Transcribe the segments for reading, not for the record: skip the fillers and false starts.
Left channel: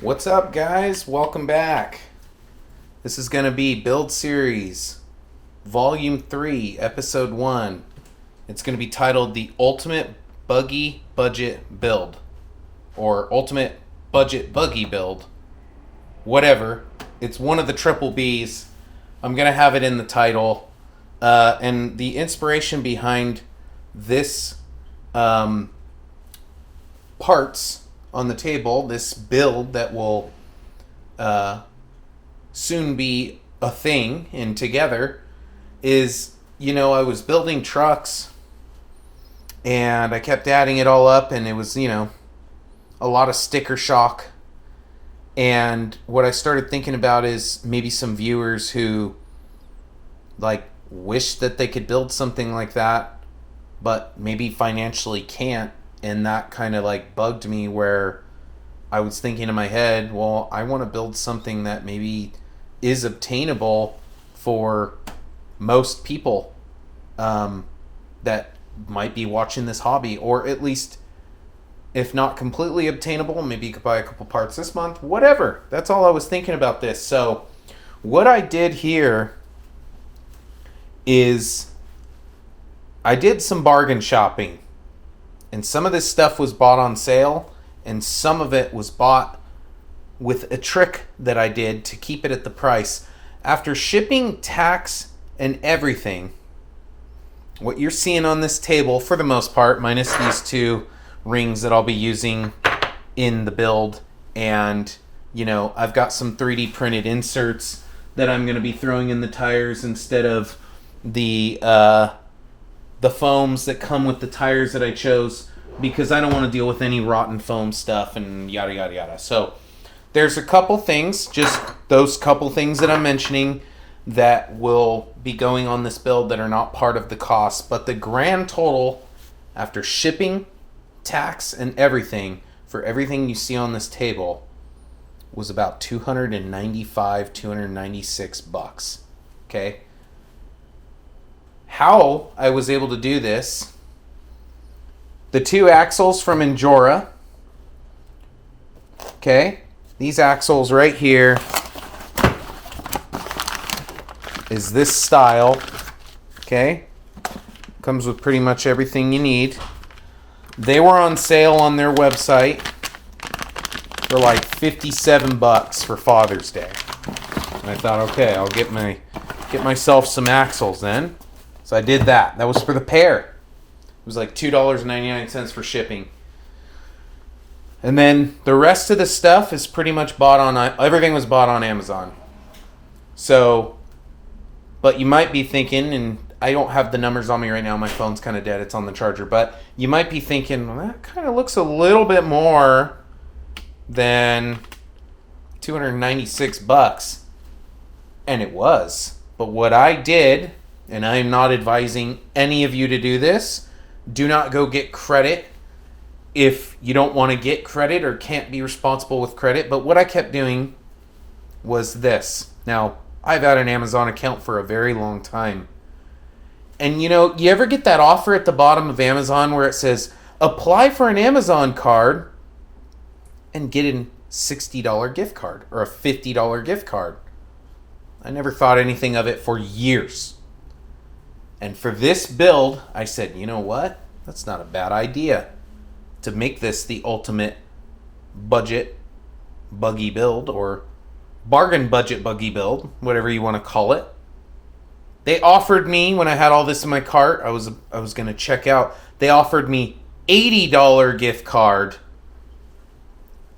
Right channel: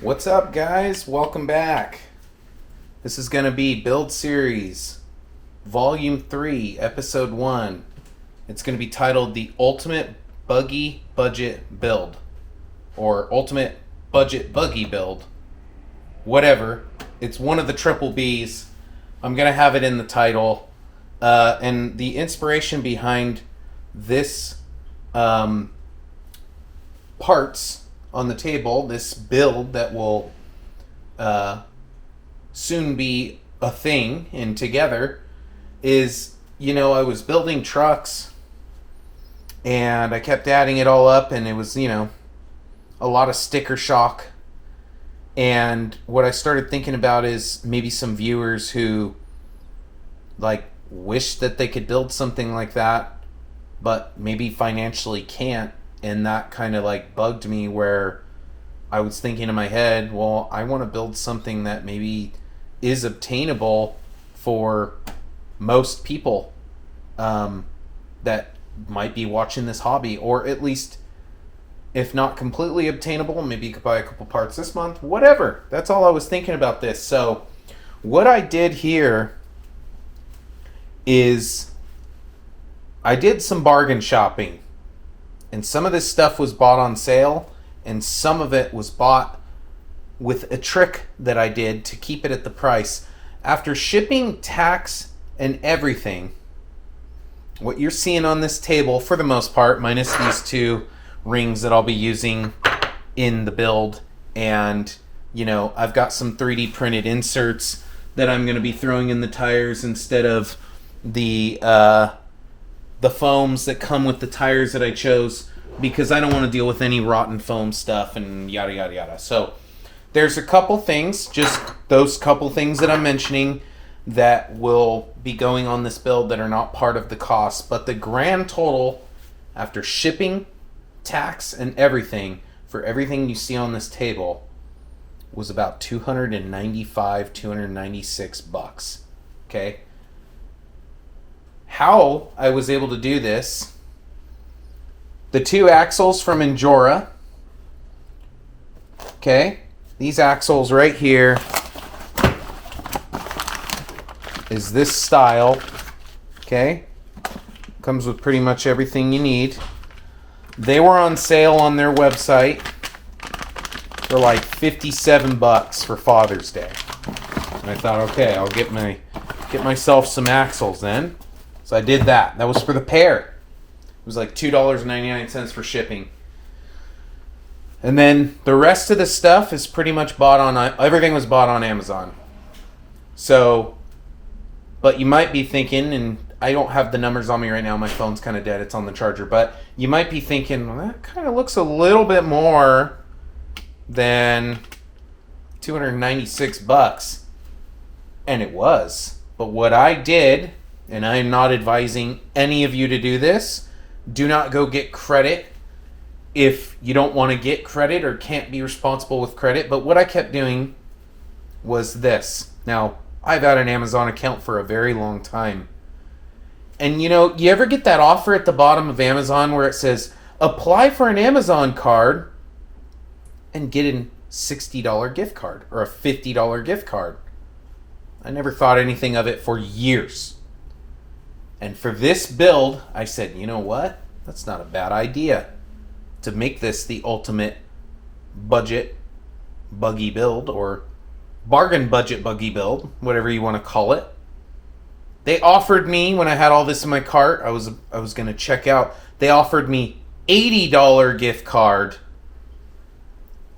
What's up, guys? Welcome back. This is going to be Build Series, Volume 3, Episode 1. It's going to be titled The Ultimate Buggy Budget Build, or Ultimate Budget Buggy Build. Whatever. It's one of the triple Bs. I'm going to have it in the title. And the inspiration behind this parts on the table, this build that will soon be a thing and together, is, I was building trucks and I kept adding it all up, and it was, a lot of sticker shock. And what I started thinking about is maybe some viewers who wish that they could build something like that, but maybe financially can't. And that kind of bugged me, where I was thinking in my head, well, I want to build something that maybe is obtainable for most people that might be watching this hobby, or at least, if not completely obtainable, maybe you could buy a couple parts this month, whatever. That's all I was thinking about this. So what I did here is I did some bargain shopping. And some of this stuff was bought on sale, and some of it was bought with a trick that I did to keep it at the price. After shipping, tax, and everything, what you're seeing on this table, for the most part, minus these two rings that I'll be using in the build, and, I've got some 3D printed inserts that I'm going to be throwing in the tires instead of the foams that come with the tires that I chose, because I don't want to deal with any rotten foam stuff and yada yada yada. So there's a couple things, just those couple things that I'm mentioning, that will be going on this build that are not part of the cost. But the grand total, after shipping, tax, and everything, for everything you see on this table, was about $296. Okay? How I was able to do this: the two axles from Injora. Okay, these axles right here is this style. Okay, comes with pretty much everything you need. They were on sale on their website for $57 for Father's Day. And I thought, okay, I'll get myself some axles then. So I did that. That was for the pair. It was $2.99 for shipping. And then the rest of the stuff is pretty much everything was bought on Amazon. So, but you might be thinking, and I don't have the numbers on me right now, my phone's kind of dead, it's on the charger, but you might be thinking, well, that kind of looks a little bit more than $296. And it was. But what I did, and I am not advising any of you to do this, do not go get credit if you don't want to get credit or can't be responsible with credit. But what I kept doing was this. Now, I've had an Amazon account for a very long time. And you ever get that offer at the bottom of Amazon where it says, apply for an Amazon card and get a $60 gift card or a $50 gift card? I never thought anything of it for years. And for this build, I said, you know what? That's not a bad idea to make this the ultimate budget buggy build, or bargain budget buggy build, whatever you want to call it. They offered me, when I had all this in my cart, I was going to check out, they offered me $80 gift card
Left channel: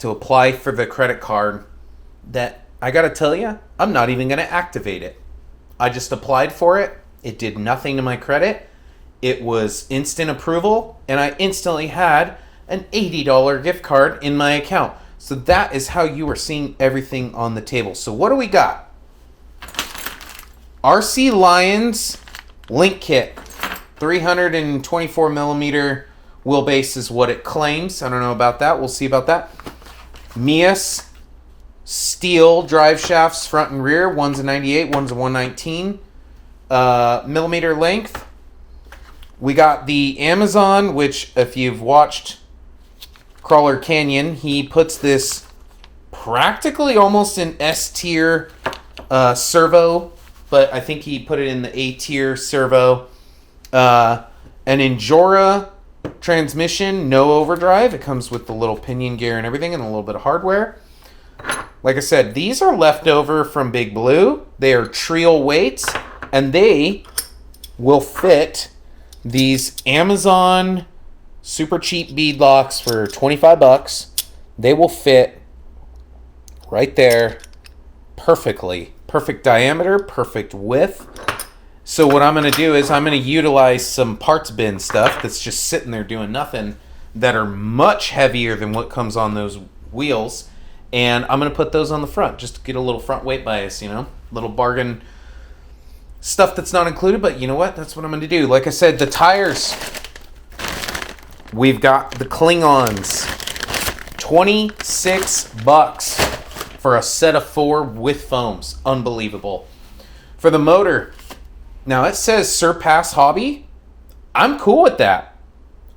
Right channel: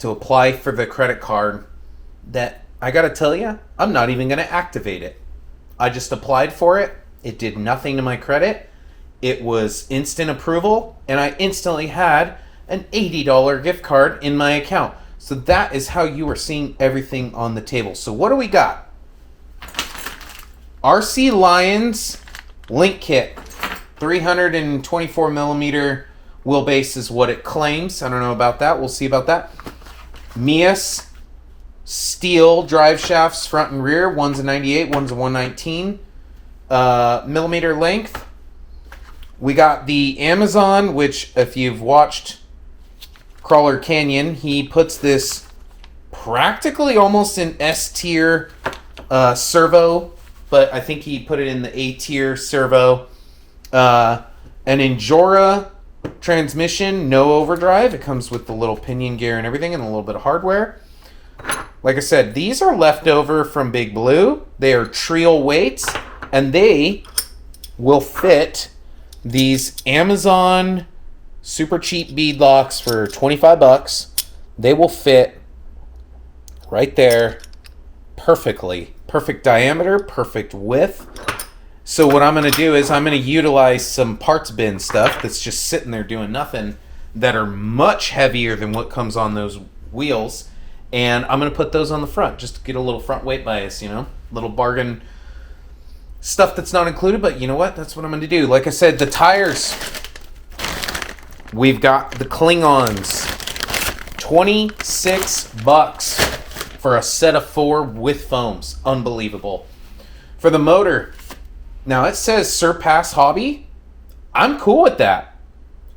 to apply for the credit card that, I got to tell you, I'm not even going to activate it. I just applied for it. It did nothing to my credit. It was instant approval, and I instantly had an $80 gift card in my account. So that is how you are seeing everything on the table. So what do we got? RC Lions Link Kit. 324 millimeter wheelbase is what it claims. I don't know about that. We'll see about that. meus steel drive shafts, front and rear. One's a 98, one's a 119. Millimeter length. We got the Amazon, which if you've watched Crawler Canyon, he puts this practically almost an S tier servo, but I think he put it in the A tier servo. An Injora transmission, no overdrive. It comes with the little pinion gear and everything and a little bit of hardware. Like I said, these are left over from Big Blue. They are trio weights, and they will fit these Amazon super cheap bead locks for $25. They will fit right there perfectly. Perfect diameter, perfect width. So what I'm going to do is I'm going to utilize some parts bin stuff that's just sitting there doing nothing that are much heavier than what comes on those wheels. And I'm going to put those on the front just to get a little front weight bias, you know, little bargain stuff that's not included. But you know what? That's what I'm going to do. Like I said, the tires, we've got the Klingons, $26 for a set of 4 with foams. Unbelievable. For the motor, now it says Surpass Hobby. I'm cool with that.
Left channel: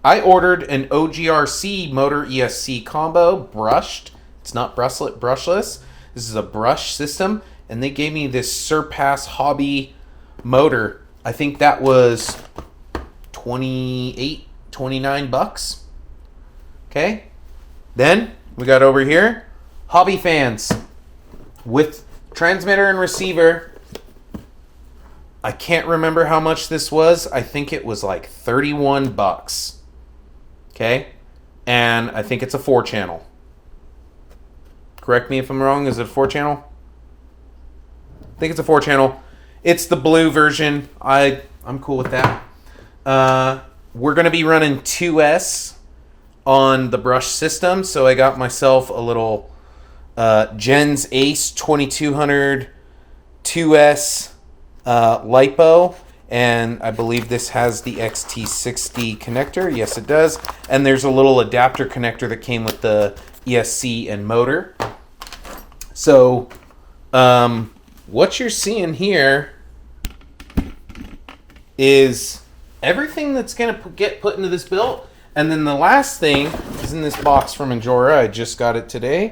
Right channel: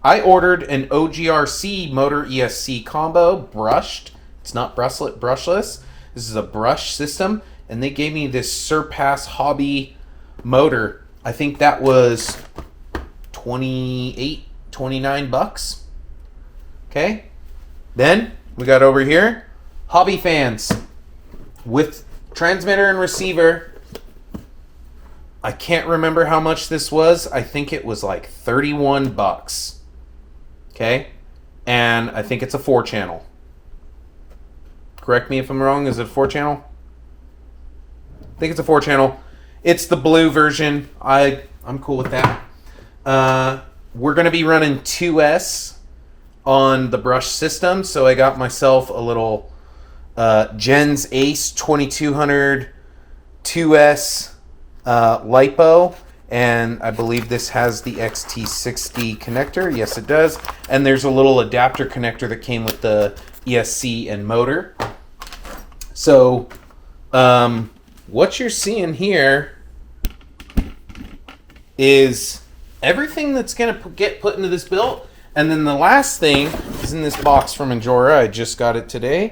I ordered an OGRC motor ESC combo brushed. It's not brushless. This is a brush system, and they gave me this Surpass Hobby motor. I think that was $29. Okay. Then we got over here Hobby fans with transmitter and receiver. I can't remember how much this was. I think it was like $31. Okay. And I think it's a 4-channel. Correct me if I'm wrong. Is it a 4-channel? I think it's a 4-channel. It's the blue version. I'm cool with that. We're going to be running 2S on the brush system. So I got myself a little Gens Ace 2200 2S LiPo. And I believe this has the XT60 connector. Yes, it does. And there's a little adapter connector that came with the ESC and motor. So, what you're seeing here is everything that's going to get put into this build. And then the last thing is in this box from Injora. I just got it today.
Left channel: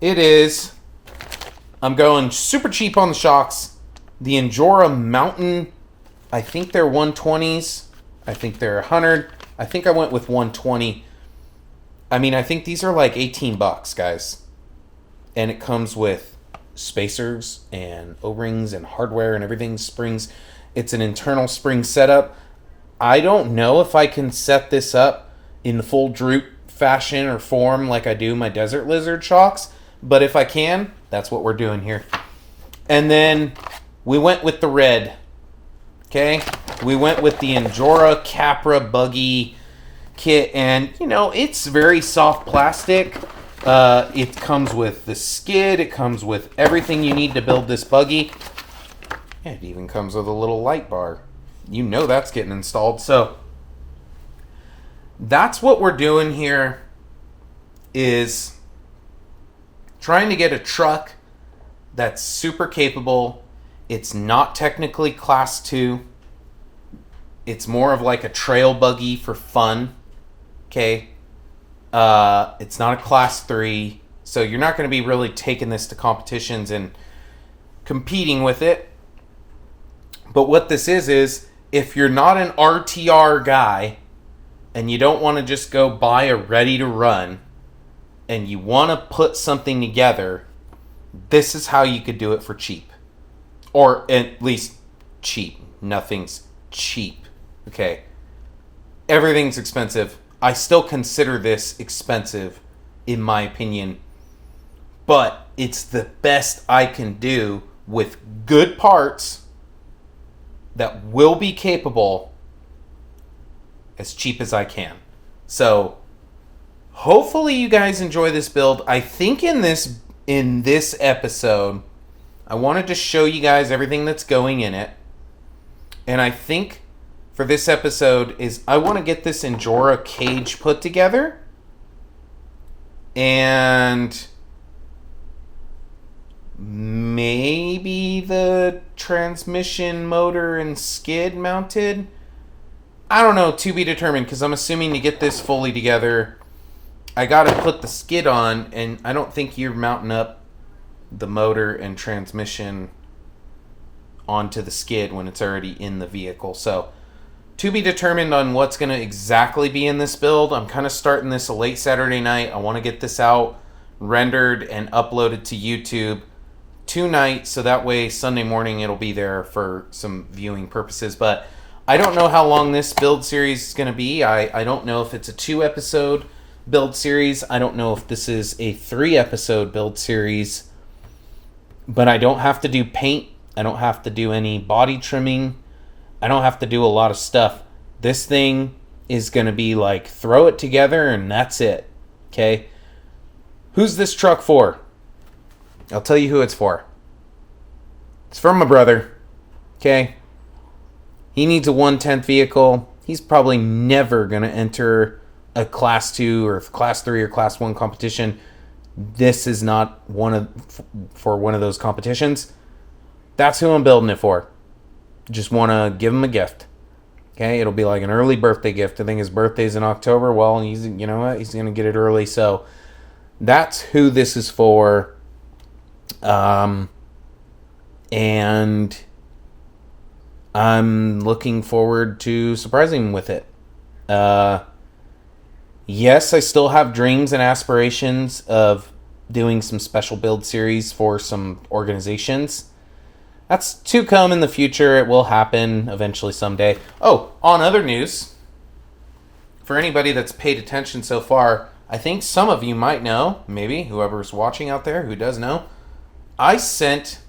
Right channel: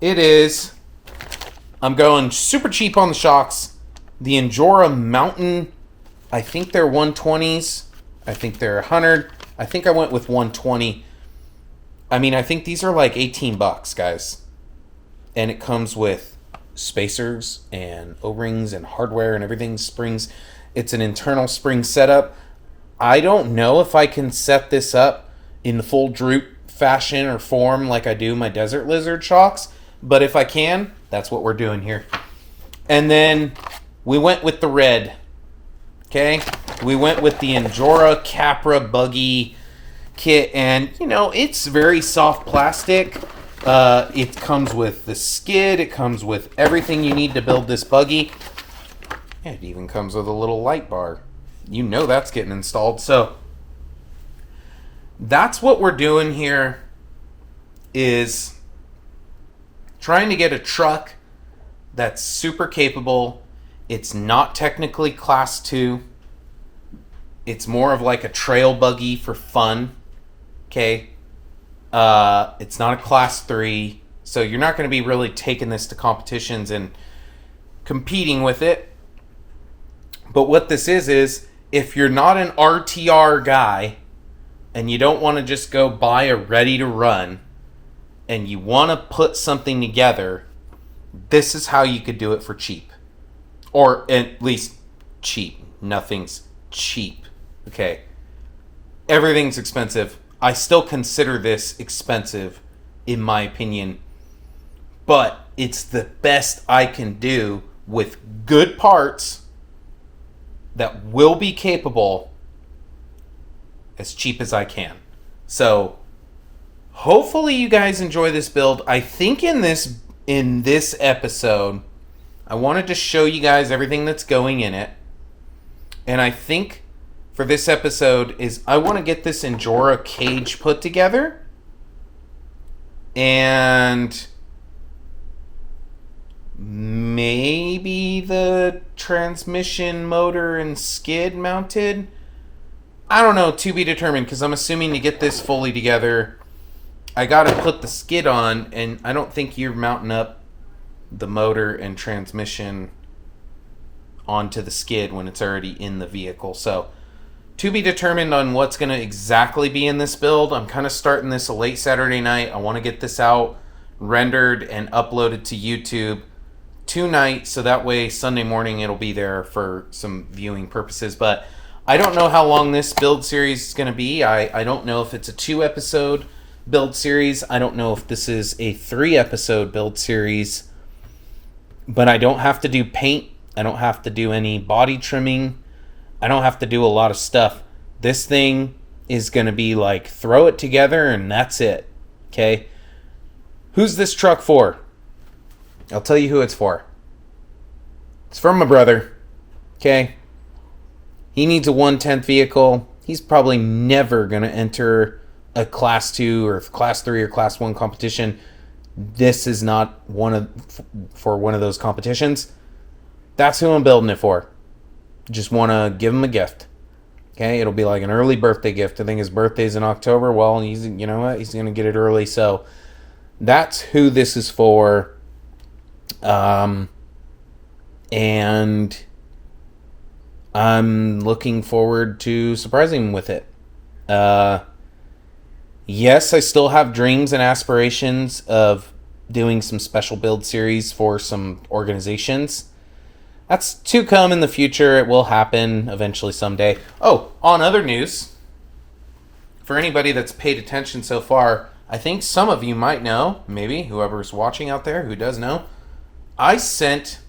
It is, I'm going super cheap on the shocks. The Injora Mountain, I think they're 120s. I think they're 100. I think I went with 120. I mean, I think these are like $18, guys. And it comes with spacers and O-rings and hardware and everything, springs. It's an internal spring setup. I don't know if I can set this up in the full droop fashion or form like I do my Desert Lizard shocks. But if I can, that's what we're doing here. And then we went with the red. Okay? We went with the Injora Capra Buggy kit. And, you know, it's very soft plastic. It comes with the skid. It comes with everything you need to build this buggy. It even comes with a little light bar. You know that's getting installed. So that's what we're doing here, is trying to get a truck that's super capable. It's not technically class 2. It's more of like a trail buggy for fun. Okay. It's not a class 3, so you're not going to be really taking this to competitions and competing with it. But what this is if you're not an RTR guy and you don't want to just go buy a ready to run and you want to put something together, this is how you could do it for cheap. Or at least cheap. Nothing's cheap. Okay. Everything's expensive. I still consider this expensive, in my opinion, but it's the best I can do with good parts that will be capable as cheap as I can. So hopefully you guys enjoy this build. I think in this episode, I wanted to show you guys everything that's going in it. And I think for this episode is I want to get this Injora cage put together. And maybe the transmission, motor, and skid mounted. I don't know, to be determined, because I'm assuming to get this fully together, I got to put the skid on, and I don't think you're mounting up the motor and transmission onto the skid when it's already in the vehicle. So to be determined on what's going to exactly be in this build. I'm kind of starting this a late Saturday night. I want to get this out, rendered, and uploaded to YouTube tonight, so that way Sunday morning it'll be there for some viewing purposes. But I don't know how long this build series is going to be. I don't know if it's a 2-episode build series. I don't know if this is a 3-episode build series. But I don't have to do paint. I don't have to do any body trimming. I don't have to do a lot of stuff. This thing is going to be like, throw it together and that's it. Okay? Who's this truck for? I'll tell you who it's for. It's for my brother. Okay? He needs a 1/10 vehicle. He's probably never going to enter a Class 2 or Class 3 or Class 1 competition. This is not for one of those competitions. That's who I'm building it for. Just want to give him a gift. Okay? It'll be like an early birthday gift. I think his birthday's in October. Well, you know what? He's going to get it early. So that's who this is for. And I'm looking forward to surprising him with it. Yes, I still have dreams and aspirations of doing some special build series for some organizations. That's to come in the future. It will happen eventually someday. Oh, on other news, for anybody that's paid attention so far, I think some of you might know, maybe whoever's watching out there who does know, I sent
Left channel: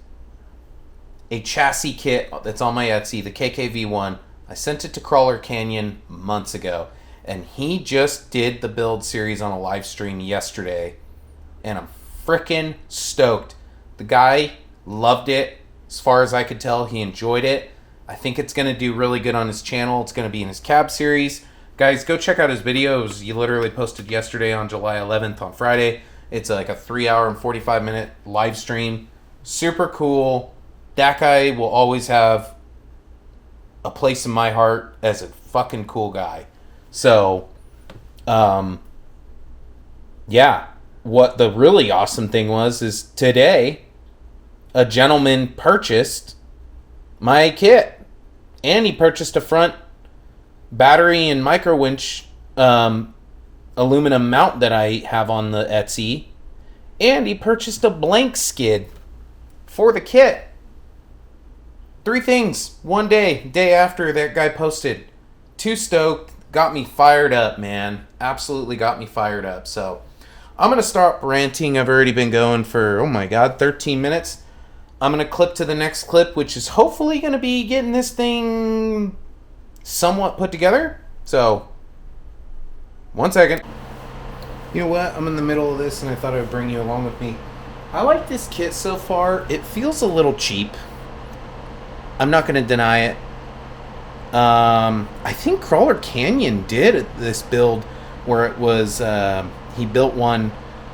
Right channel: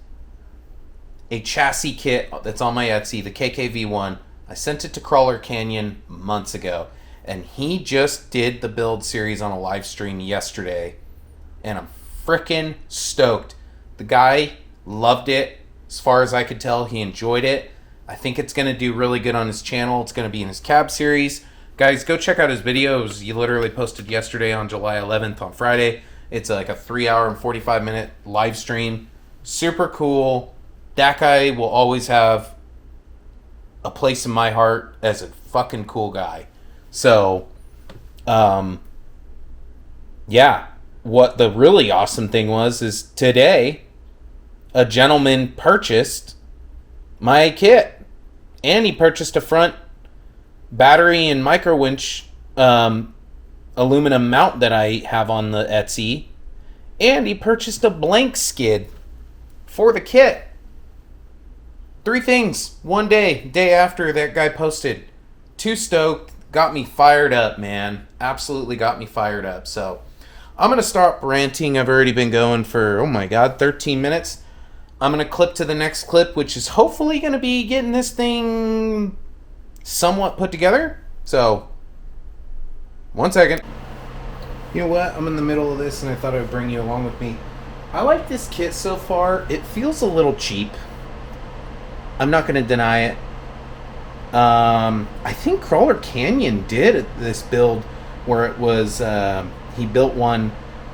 a chassis kit that's on my Etsy, the KKV1. I sent it to Crawler Canyon months ago, and he just did the build series on a live stream yesterday, and I'm freaking stoked. The guy loved it. As far as I could tell, he enjoyed it. I think it's going to do really good on his channel. It's going to be in his cab series. Guys, go check out his videos. He literally posted yesterday on July 11th on Friday. It's like a 3-hour and 45-minute live stream. Super cool. That guy will always have a place in my heart as a fucking cool guy. So, yeah. What the really awesome thing was is today, a gentleman purchased my kit. And he purchased a front battery and micro winch aluminum mount that I have on the Etsy. And he purchased a blank skid for the kit. 3 things. One day after that guy posted. Too stoked. Got me fired up, man. Absolutely got me fired up. So I'm going to stop ranting. I've already been going for, 13 minutes. I'm going to clip to the next clip, which is hopefully going to be getting this thing somewhat put together. So, 1 second. You know what? I'm in the middle of this, and I thought I would bring you along with me. I like this kit so far. It feels a little cheap. I'm not going to deny it. I think Crawler Canyon did this build where it was, he built one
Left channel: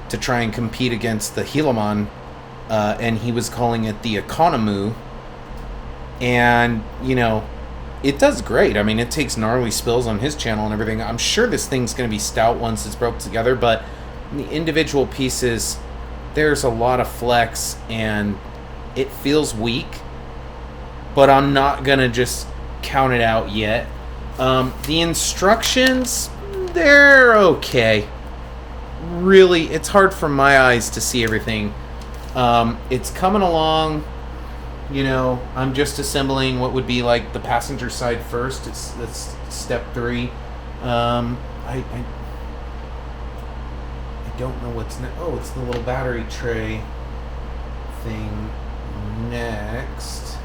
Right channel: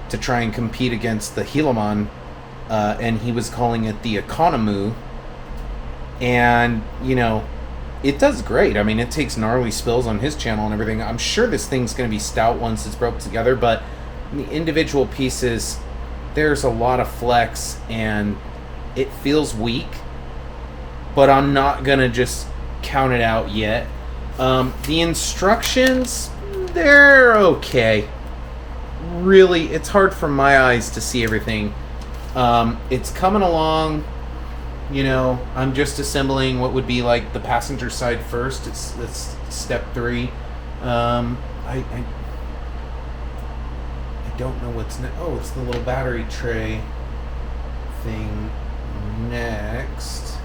to try and compete against the Helaman, and he was calling it the Economoo. And, it does great. I mean, it takes gnarly spills on his channel and everything. I'm sure this thing's going to be stout once it's broke together, but the individual pieces, there's a lot of flex, and it feels weak, but I'm not going to just count it out yet. The instructions, they're okay. Really, it's hard for my eyes to see everything. It's coming along. I'm just assembling what would be like the passenger side first. That's step 3. I don't know what's next. Oh, it's the little battery tray thing next.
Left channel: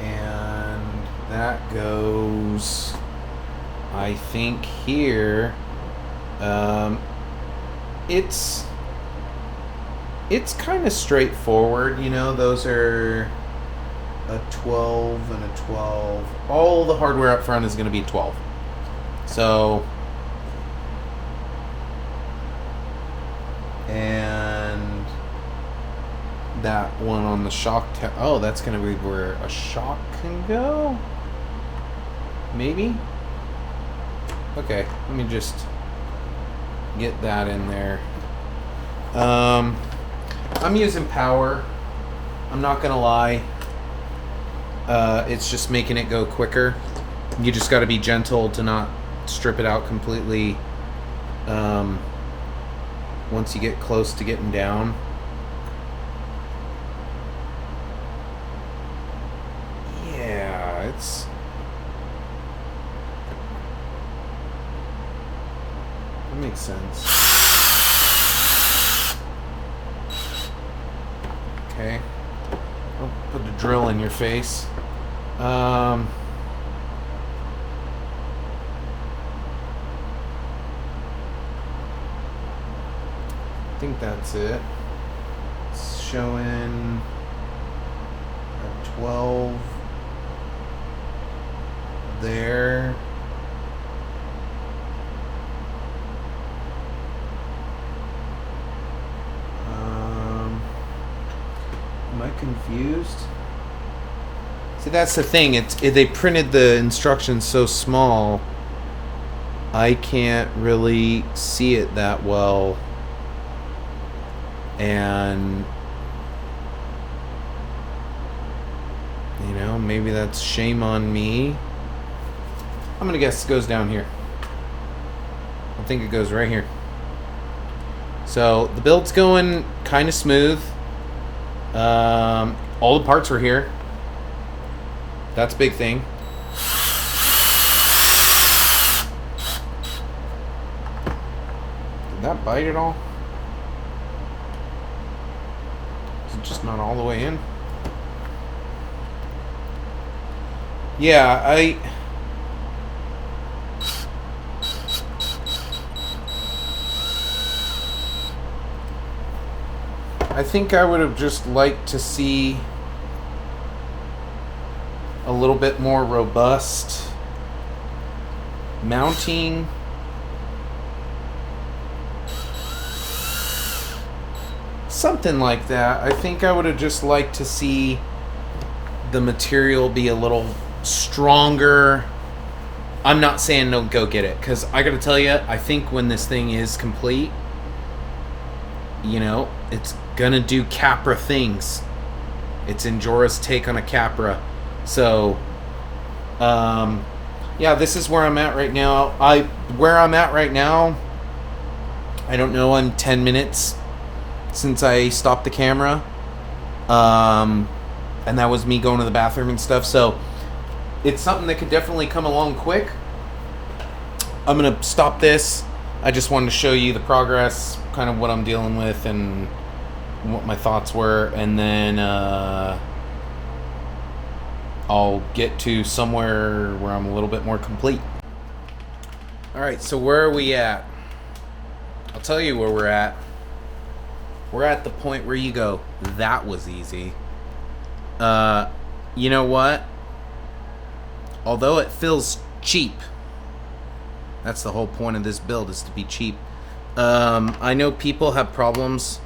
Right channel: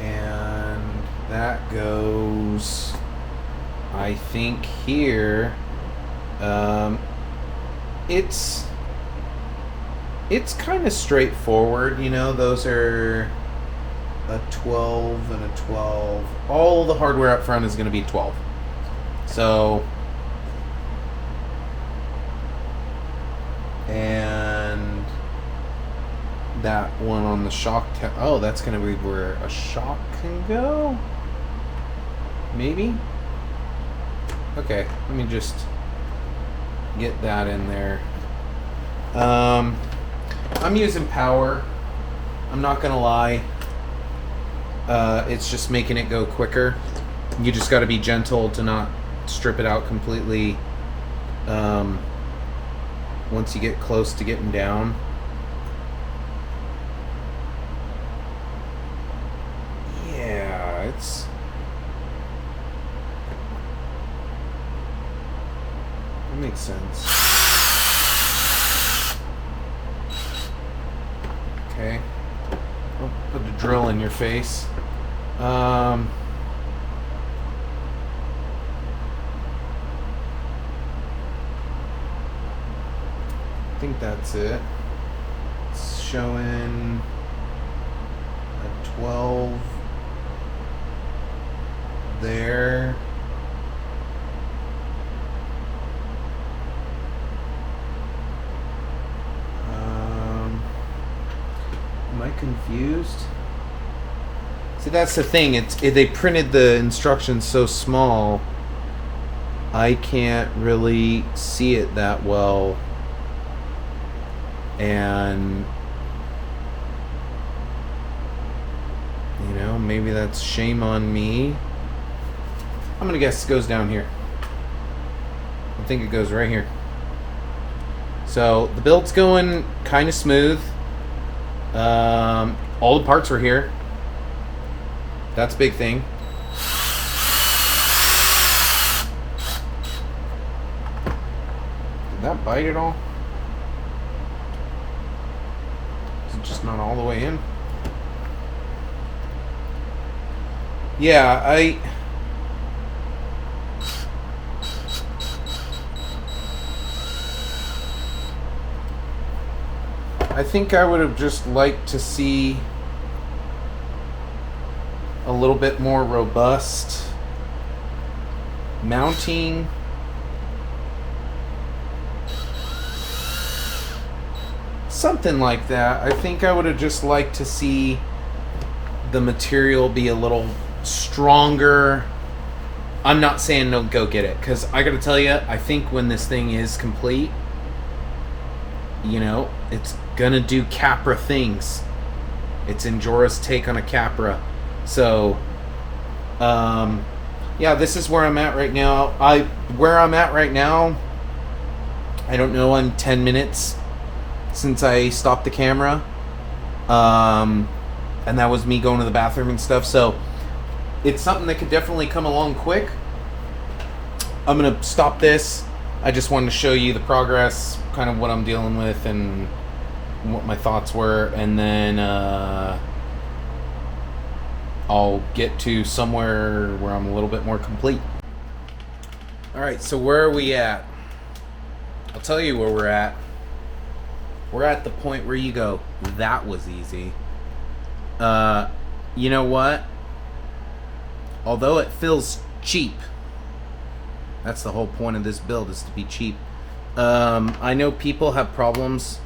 And that goes, I think, here. It's kind of straightforward, those are a 12 and a 12. All the hardware up front is going to be 12. So, and that one on the shock, that's going to be where a shock can go? Maybe? Okay, let me just get that in there. I'm using power. I'm not gonna lie. It's just making it go quicker. You just got to be gentle to not strip it out completely. Once you get close to getting down. Yeah, that makes sense. Okay. Don't put a drill in your face. I think that's it. It's showing a 12 there. Am I confused? See, that's the thing. They printed the instructions so small, I can't really see it that well. And you know, maybe that's shame on me. I'm gonna guess it goes down here. I think it goes right here. So the build's going kind of smooth. All the parts are here. That's a big thing. Did that bite at all? Is it just not all the way in? Yeah, I think I would have just liked to see a little bit more robust mounting. Something like that. I think I would have just liked to see the material be a little stronger. I'm not saying don't go get it, because I gotta tell you, I think when this thing is complete, you know, it's gonna do capra things. It's Injora's take on a capra. So, yeah, this is where I'm at right now. Where I'm at right now, I don't know, in 10 minutes since I stopped the camera. And that was me going to the bathroom and stuff. So, it's something that could definitely come along quick. I'm gonna stop this. I just wanted to show you the progress, kind of what I'm dealing with and what my thoughts were, and then I'll get to somewhere where I'm a little bit more complete. Alright, so where are we at? I'll tell you where we're at. We're at the point where you go, that was easy. You know what? Although it feels cheap, that's the whole point of this build, is to be cheap. I know people have problems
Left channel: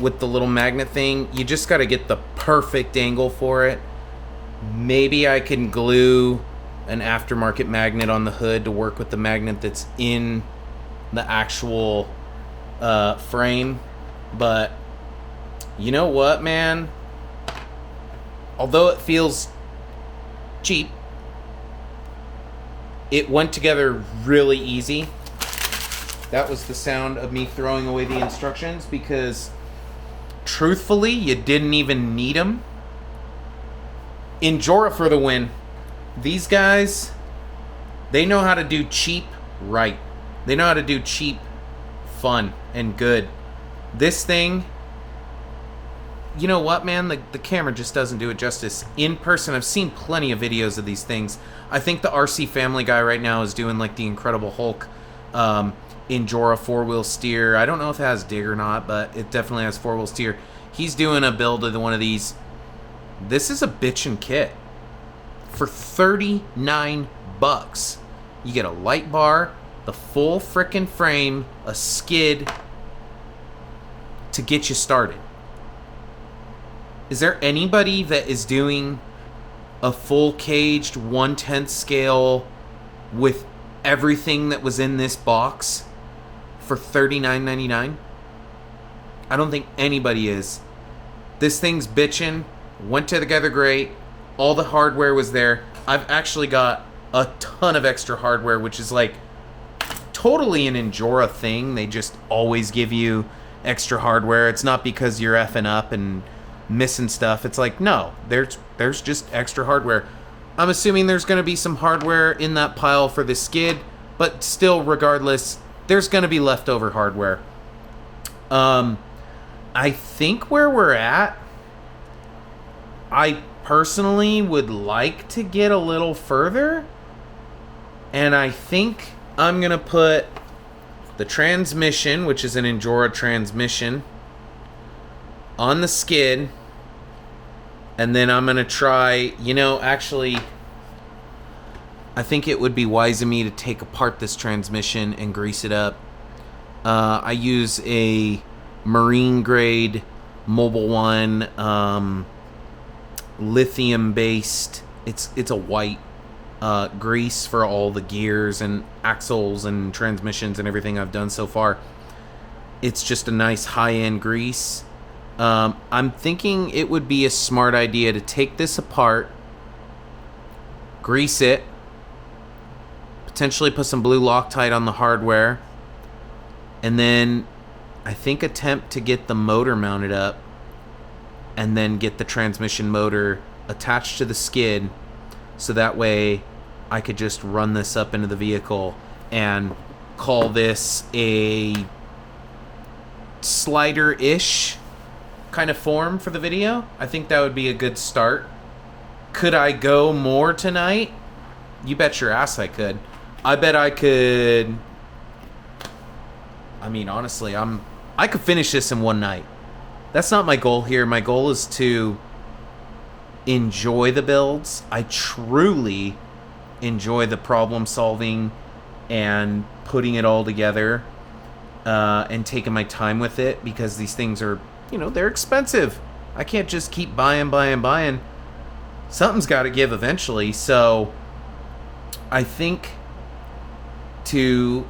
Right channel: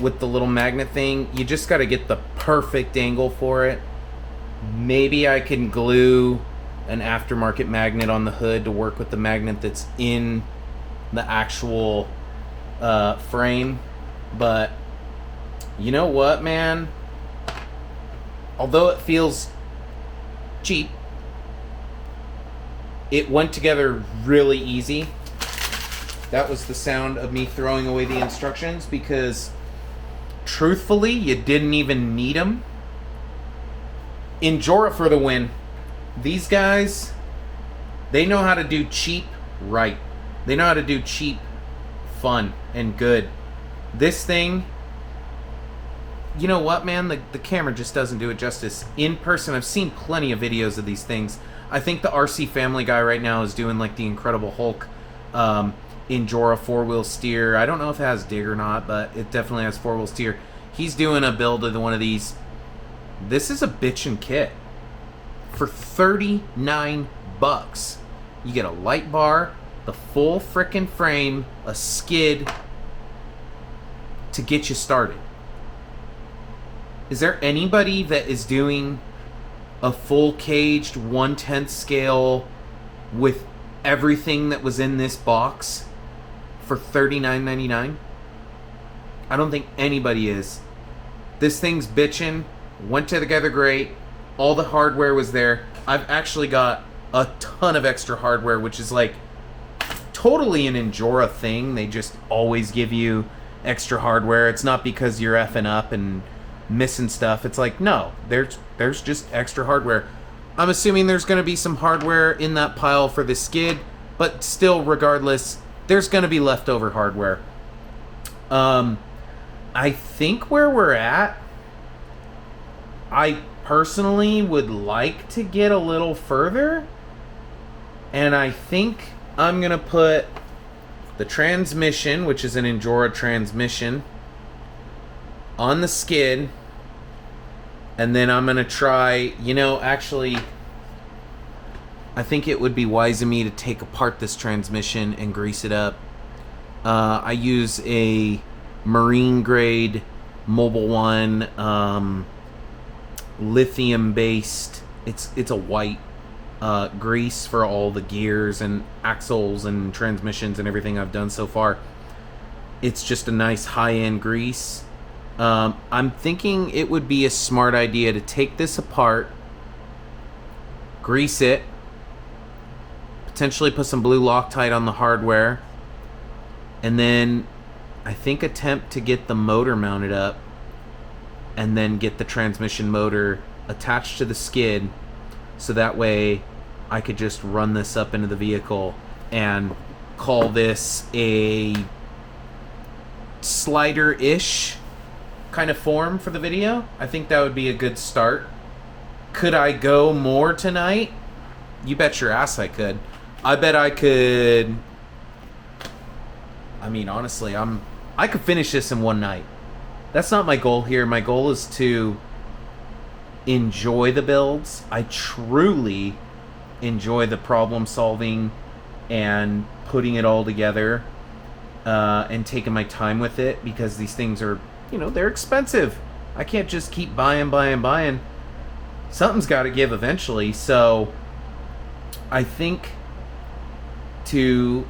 with the little magnet thing. You just got to get the perfect angle for it. Maybe I can glue an aftermarket magnet on the hood to work with the magnet that's in the actual frame. But you know what, man? Although it feels cheap, it went together really easy. That was the sound of me throwing away the instructions, because truthfully, you didn't even need them. Injora for the win. These guys, they know how to do cheap right. They know how to do cheap fun and good. This thing, you know what, man? The camera just doesn't do it justice. In person, I've seen plenty of videos of these things. I think the RC Family guy right now is doing like the Incredible Hulk Injora 4-wheel steer. I don't know if it has dig or not, but it definitely has 4-wheel steer. He's doing a build of one of these. This is a bitchin' kit. For $39, you get a light bar, the full frickin' frame, a skid to get you started. Is there anybody that is doing a full caged 1/10 scale with everything that was in this box for $39.99. I don't think anybody is. This thing's bitchin', went together great, all the hardware was there. I've actually got a ton of extra hardware, which is like totally an Injora thing. They just always give you extra hardware. It's not because you're effing up and missing stuff. It's like, no, there's just extra hardware. I'm assuming there's going to be some hardware in that pile for the skid, but still, regardless, there's going to be leftover hardware. I think where we're at, I personally would like to get a little further, and I think I'm going to put the transmission, which is an Injora transmission, on the skid, and then I'm going to try, actually, I think it would be wise of me to take apart this transmission and grease it up. I use a marine grade Mobil 1 lithium based, it's a white grease for all the gears and axles and transmissions and everything I've done so far. It's just a nice high-end grease. I'm thinking it would be a smart idea to take this apart, grease it, potentially put some blue Loctite on the hardware, and then I think attempt to get the motor mounted up, and then get the transmission motor attached to the skid, so that way I could just run this up into the vehicle and call this a slider-ish kind of form for the video. I think that would be a good start. Could I go more tonight? You bet your ass I could. I bet I could. I mean, honestly, I could finish this in one night. That's not my goal here. My goal is to enjoy the builds. I truly enjoy the problem solving and putting it all together, and taking my time with it, because these things are, they're expensive. I can't just keep buying. Something's got to give eventually. So I think to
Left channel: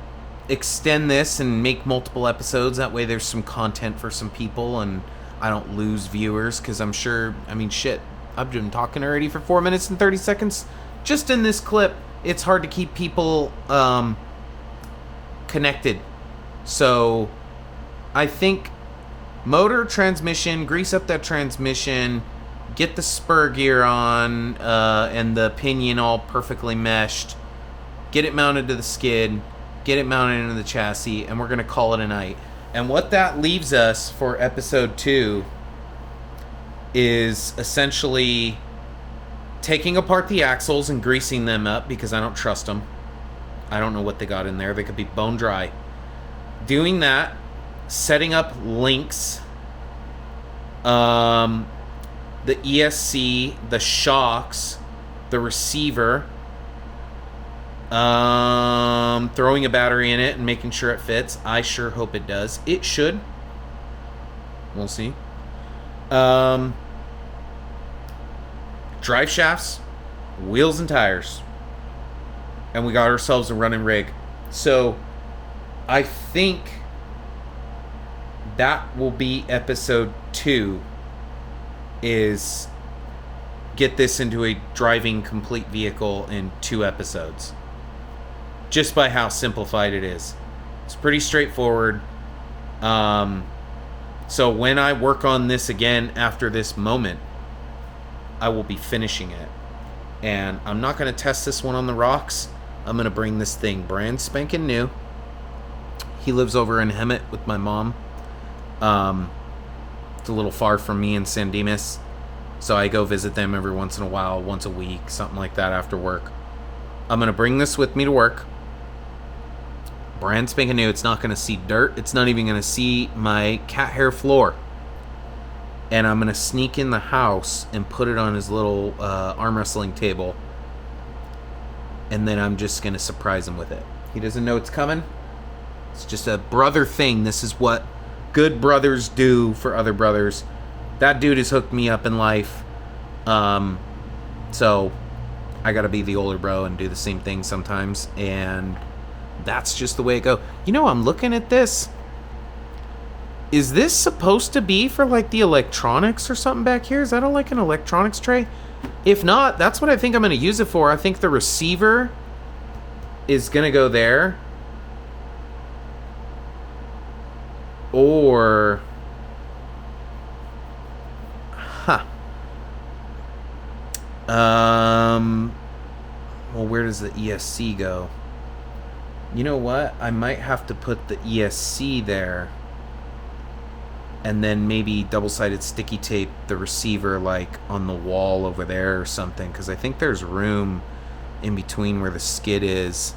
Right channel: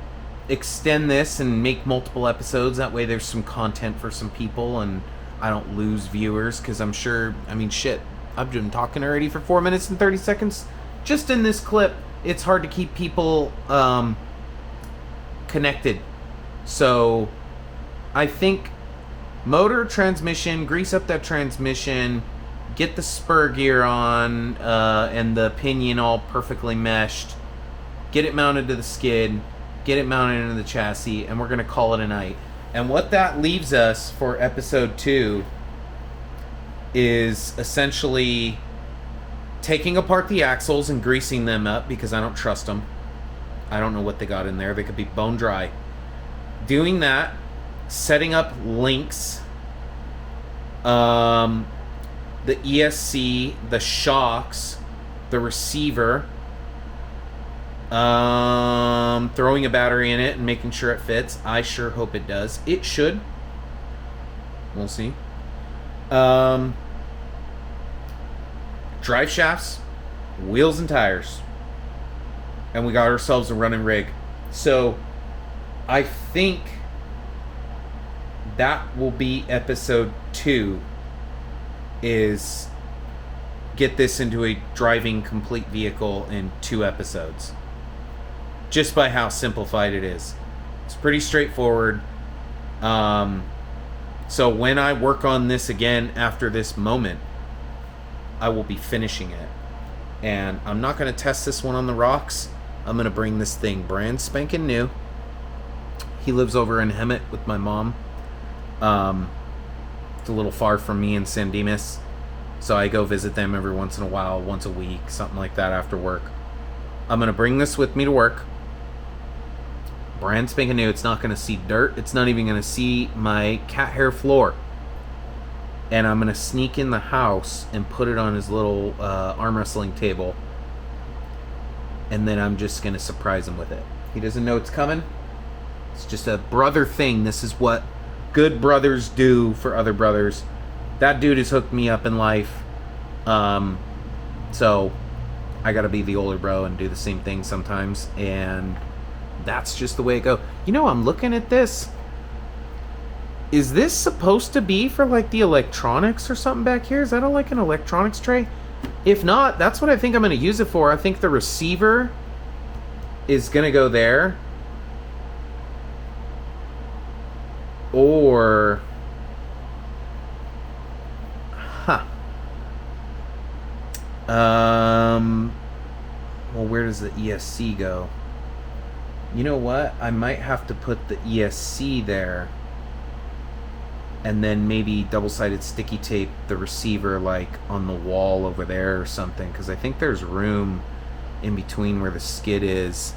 extend this and make multiple episodes, that way there's some content for some people and I don't lose viewers, because I'm sure, shit, I've been talking already for 4 minutes and 30 seconds just in this clip. It's hard to keep people connected. So I think motor, transmission, grease up that transmission, get the spur gear on, and the pinion all perfectly meshed, get it mounted to the skid, get it mounted into the chassis, and we're going to call it a night. And what that leaves us for episode 2 is essentially taking apart the axles and greasing them up, because I don't trust them. I don't know what they got in there. They could be bone dry. Doing that, setting up links, the ESC, the shocks, the receiver, throwing a battery in it and making sure it fits. I sure hope it does. It should. We'll see. Drive shafts, wheels and tires, and we got ourselves a running rig. So I think that will be episode 2, is get this into a driving complete vehicle in 2 episodes, just by how simplified it is. It's pretty straightforward. So when I work on this again after this moment, I will be finishing it, and I'm not going to test this one on the rocks. I'm going to bring this thing brand spanking new. He lives over in Hemet with my mom. It's a little far from me in San Dimas, so I go visit them every once in a while, once a week, something like that after work. I'm going to bring this with me to work. Brand spanking new. It's not going to see dirt. It's not even going to see my cat hair floor. And I'm going to sneak in the house and put it on his little arm wrestling table. And then I'm just going to surprise him with it. He doesn't know it's coming. It's just a brother thing. This is what good brothers do for other brothers. That dude has hooked me up in life. So I got to be the older bro and do the same thing sometimes. And that's just the way it goes. You know, I'm looking at this. Is this supposed to be for like the electronics or something back here? Is that like an electronics tray? If not, that's what I think I'm going to use it for. I think the receiver is going to go there. Or... Huh. Well, where does the ESC go? You know what? I might have to put the ESC there. And then maybe double-sided sticky tape the receiver like on the wall over there or something. Because I think there's room in between where the skid is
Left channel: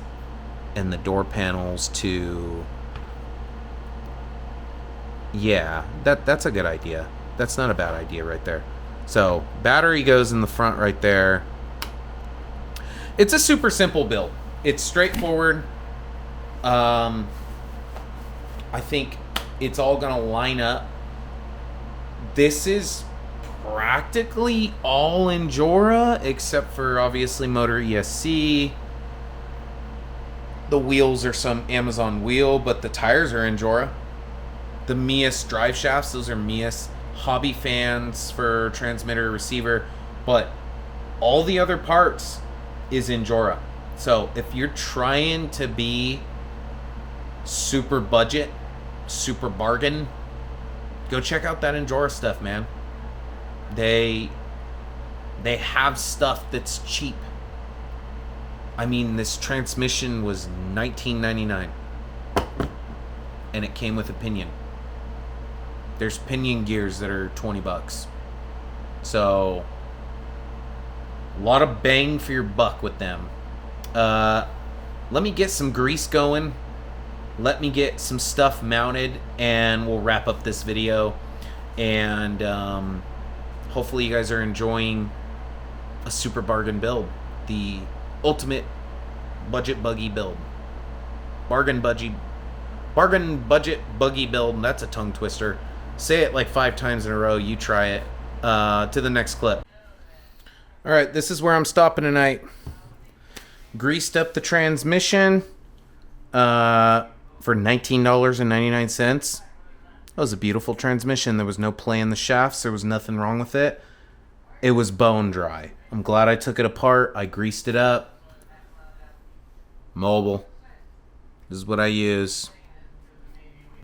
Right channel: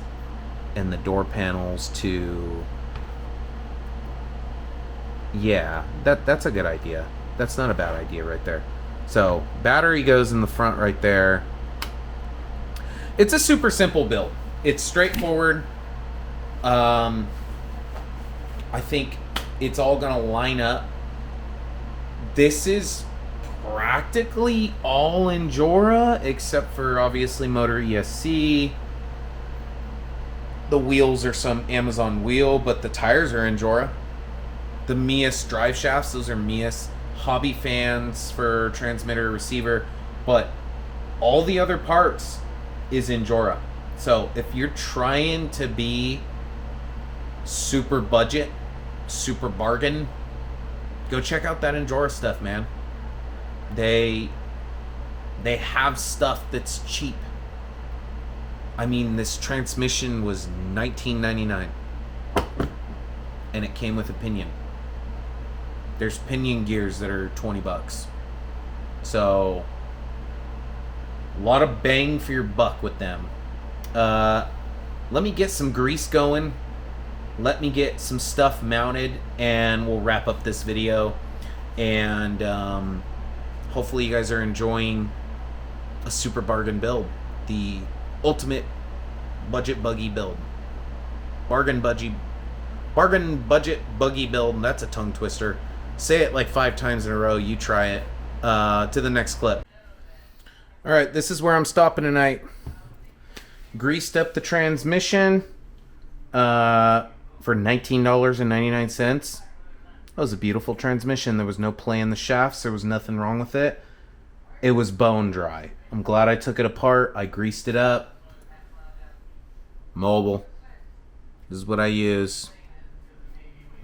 and the door panels to... Yeah, that's a good idea. That's not a bad idea right there. So, battery goes in the front right there. It's a super simple build. It's straightforward. I think it's all going to line up. This is practically all Injora, except for, obviously, motor ESC. The wheels are some Amazon wheel, but the tires are Injora. The meus drive shafts, those are meus. Hobby fans for transmitter, receiver, but all the other parts is Injora. So if you're trying to be super budget, super bargain, go check out that Injora stuff, man. They have stuff that's cheap. I mean, this transmission was $19.99 and it came with a pinion. There's pinion gears that are $20. So, a lot of bang for your buck with them. Let me get some grease going. Let me get some stuff mounted, and we'll wrap up this video. And hopefully you guys are enjoying a super bargain build. The ultimate budget buggy build. Bargain budget buggy build. That's a tongue twister. Say it like 5 times in a row. You try it. To the next clip. Alright, this is where I'm stopping tonight. Greased up the transmission for $19.99. That was a beautiful transmission. There was no play in the shafts. There was nothing wrong with it. It was bone dry. I'm glad I took it apart. I greased it up. Mobile. This is what I use.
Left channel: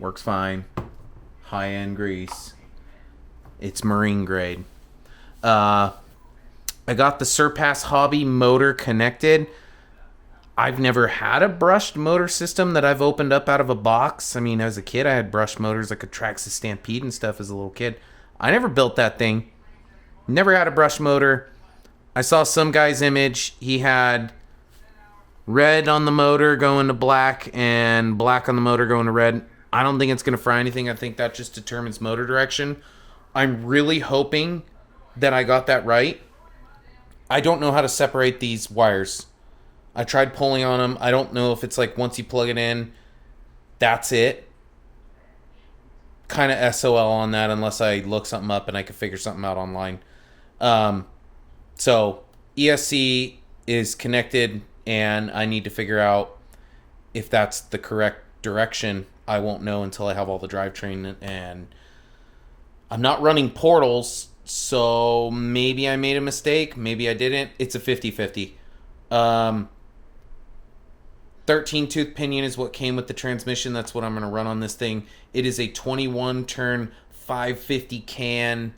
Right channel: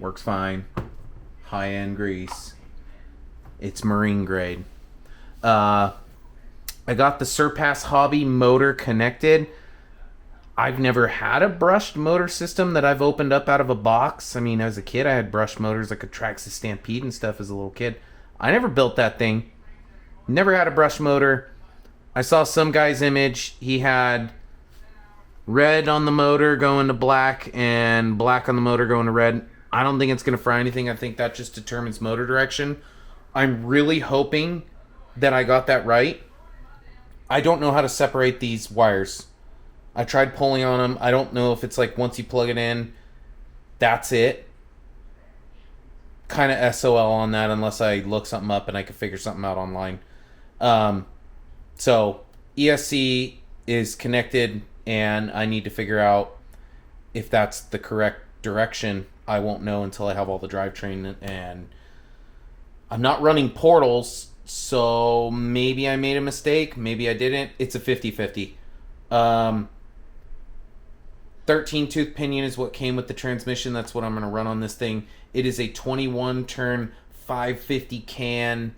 Works fine. High-end grease. It's marine grade. I got the Surpass Hobby motor connected. I've never had a brushed motor system that I've opened up out of a box. I mean, as a kid, I had brushed motors like a Traxxas Stampede and stuff as a little kid. I never built that thing. Never had a brushed motor. I saw some guy's image. He had red on the motor going to black and black on the motor going to red. I don't think it's going to fry anything. I think that just determines motor direction. I'm really hoping that I got that right. I don't know how to separate these wires. I tried pulling on them. I don't know if it's like once you plug it in, that's it. Kind of SOL on that unless I look something up and I can figure something out online. So ESC is connected and I need to figure out if that's the correct direction. I won't know until I have all the drivetrain, and I'm not running portals, so maybe I made a mistake, maybe I didn't. It's a 50-50. 13 tooth pinion is what came with the transmission. That's what I'm going to run on this thing. It is a 21 turn 550 can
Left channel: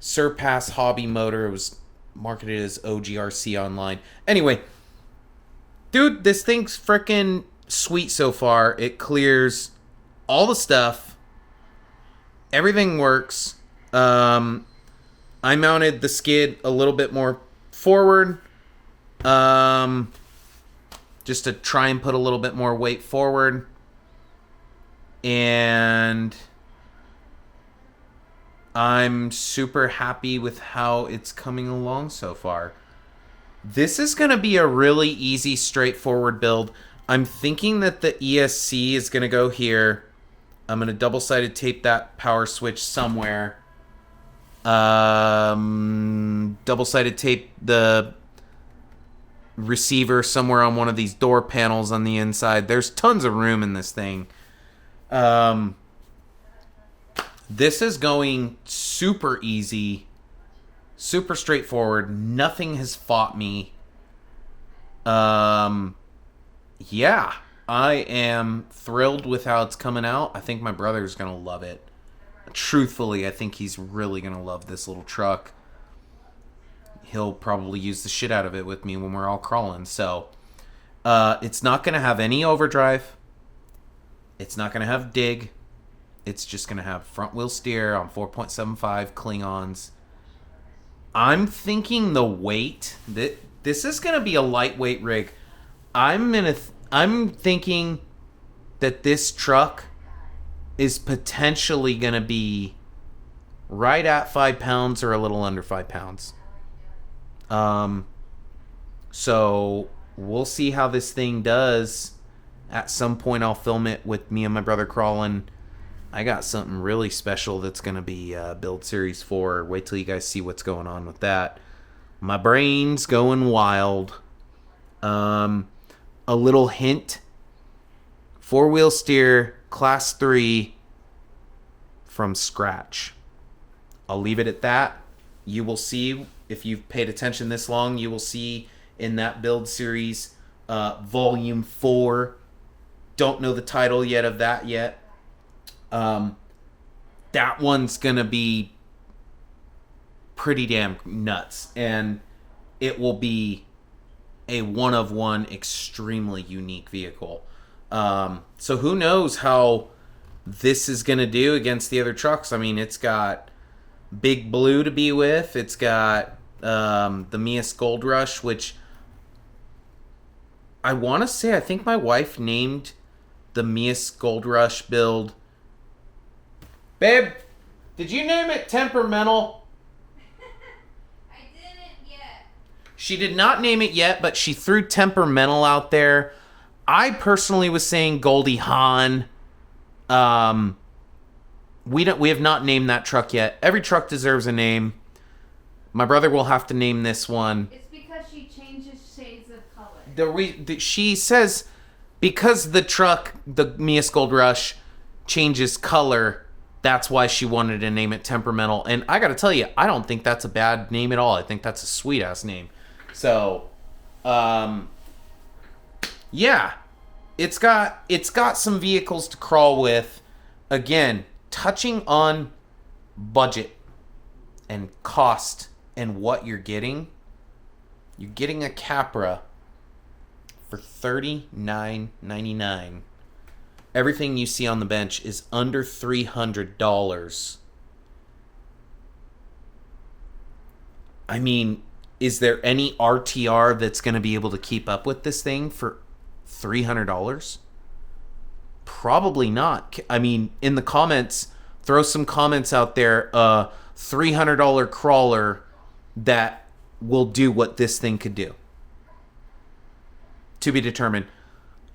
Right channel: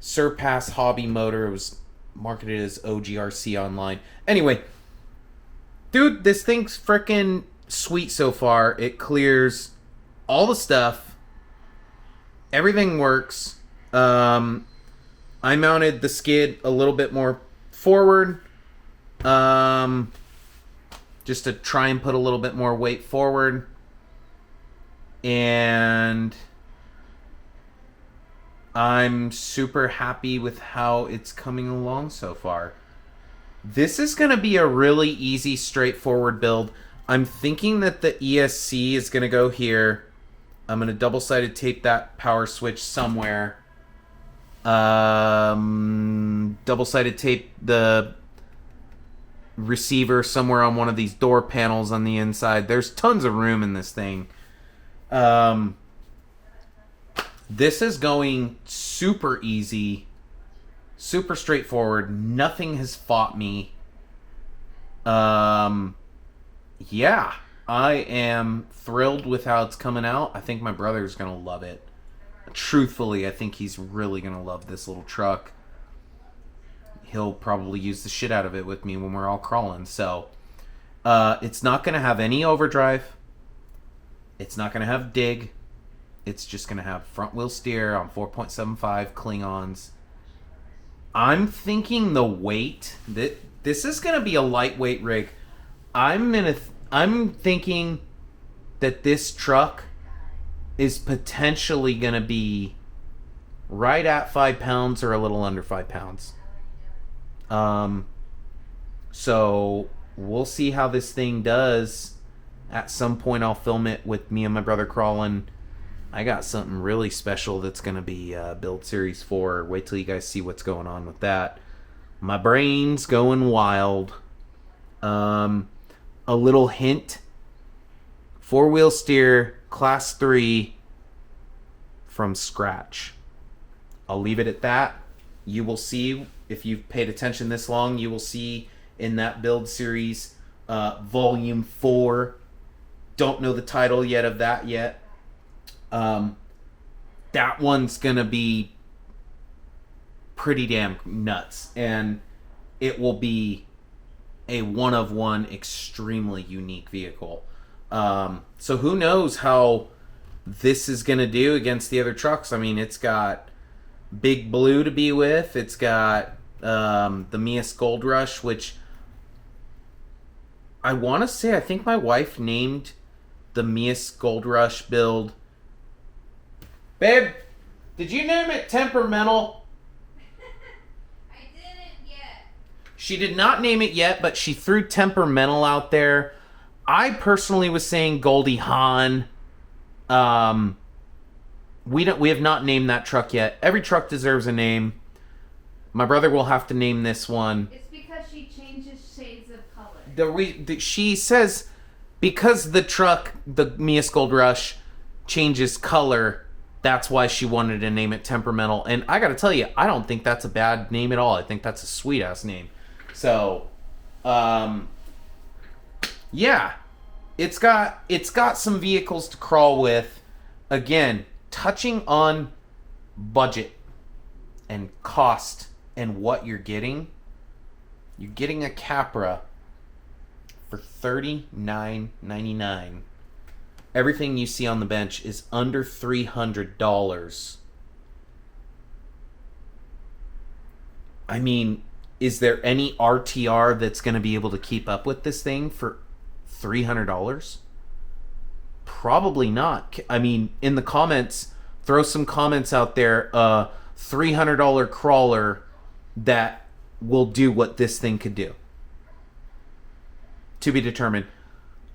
Surpass Hobby motor. It was marketed as OGRC online. Anyway, dude, this thing's freaking sweet so far. It clears all the stuff. Everything works. I mounted the skid a little bit more forward. Just to try and put a little bit more weight forward. And I'm super happy with how it's coming along so far. This is going to be a really easy, straightforward build. I'm thinking that the ESC is going to go here. I'm going to double-sided tape that power switch somewhere. Double-sided tape the receiver somewhere on one of these door panels on the inside. There's tons of room in this thing. This is going super easy, super straightforward. Nothing has fought me. Yeah, I am thrilled with how it's coming out. I think my brother's going to love it. Truthfully, I think he's really going to love this little truck. He'll probably use the shit out of it with me when we're all crawling. So, it's not going to have any overdrive. It's not going to have dig. It's just going to have front wheel steer on 4.75 Klingons. I'm thinking the weight, this is going to be a lightweight rig. I'm thinking that this truck is potentially going to be right at 5 pounds or a little under 5 pounds. So we'll see how this thing does. At some point I'll film it with me and my brother crawling. I got something really special that's going to be Build Series 4. Wait till you guys see what's going on with that. My brain's going wild. A little hint. 4-wheel steer, class 3 from scratch. I'll leave it at that. You will see, if you've paid attention this long, you will see in that Build Series Volume 4. Don't know the title yet of that yet. That one's going to be pretty damn nuts. And it will be a one-of-one, extremely unique vehicle. So who knows how this is going to do against the other trucks. I mean, it's got Big Blue to be with. It's got the meus Gold Rush, which I want to say, I think my wife named the meus Gold Rush build. Babe, did you name it Temperamental? I didn't yet. She did not name it yet, but she threw Temperamental out there. I personally was saying Goldie Hawn. We have not named that truck yet. Every truck deserves a name. My brother will have to name this one. It's because she changes shades of color. She says because the truck, the meus Gold Rush, changes color, that's why she wanted to name it Temperamental. And I gotta tell you, I don't think that's a bad name at all. I think that's a sweet ass name. So, yeah, it's got some vehicles to crawl with. Again, touching on budget and cost and what you're getting. You're getting a Capra for $39.99. Everything you see on the bench is under $300. I mean, is there any RTR that's going to be able to keep up with this thing for $300? Probably not. I mean, in the comments, throw some comments out there. $300 crawler that will do what this thing could do. To be determined.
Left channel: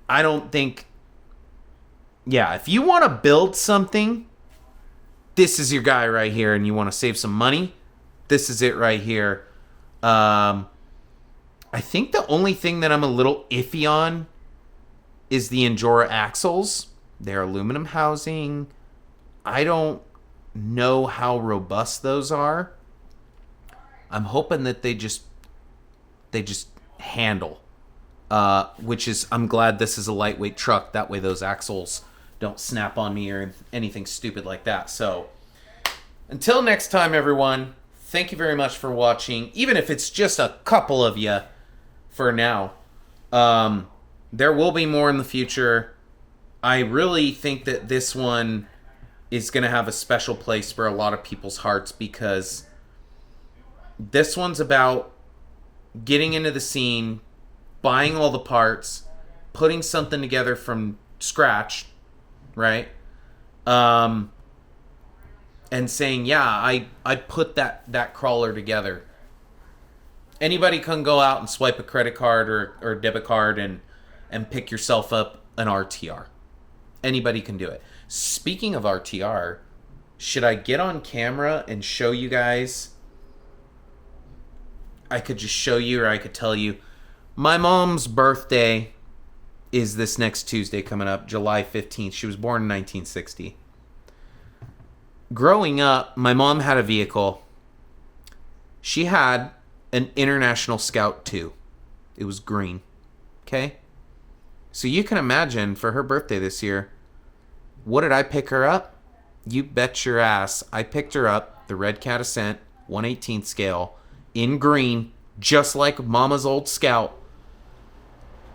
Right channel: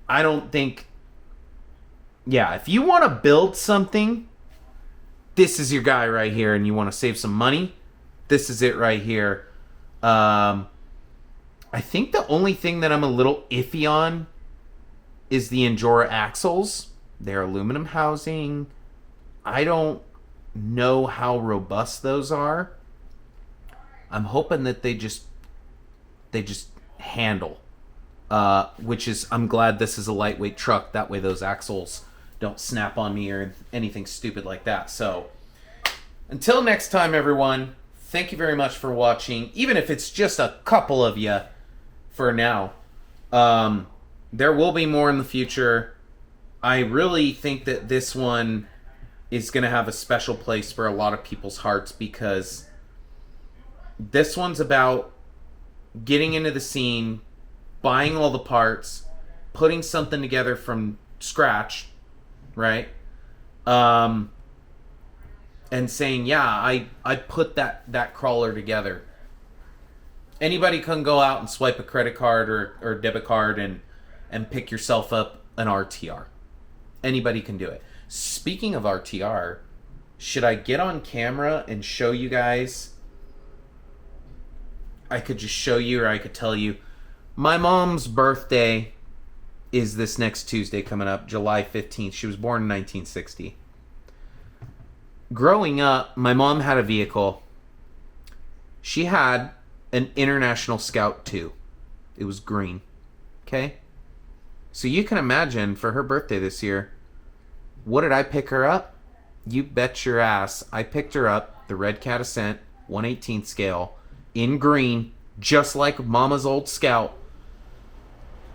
I don't think... Yeah, if you want to build something, this is your guy right here, and you want to save some money, this is it right here. I think the only thing that I'm a little iffy on is the Injora axles. They're aluminum housing. I don't know how robust those are. I'm hoping that they just handle. Which is, I'm glad this is a lightweight truck. That way those axles don't snap on me or anything stupid like that. So, until next time, everyone, thank you very much for watching. Even if it's just a couple of you for now. There will be more in the future. I really think that this one is going to have a special place for a lot of people's hearts because this one's about getting into the scene, buying all the parts, putting something together from scratch, right? And saying, yeah, I put that crawler together. Anybody can go out and swipe a credit card or debit card and pick yourself up an RTR. Anybody can do it. Speaking of RTR, should I get on camera and show you guys? I could just show you, or I could tell you My mom's birthday is this next Tuesday coming up, July 15th. She was born in 1960. Growing up, my mom had a vehicle. She had an International Scout 2. It was green. Okay? So you can imagine for her birthday this year, what did I pick her up? You bet your ass. I picked her up, the Red Cat Ascent, 1/18 scale, in green, just like Mama's old Scout.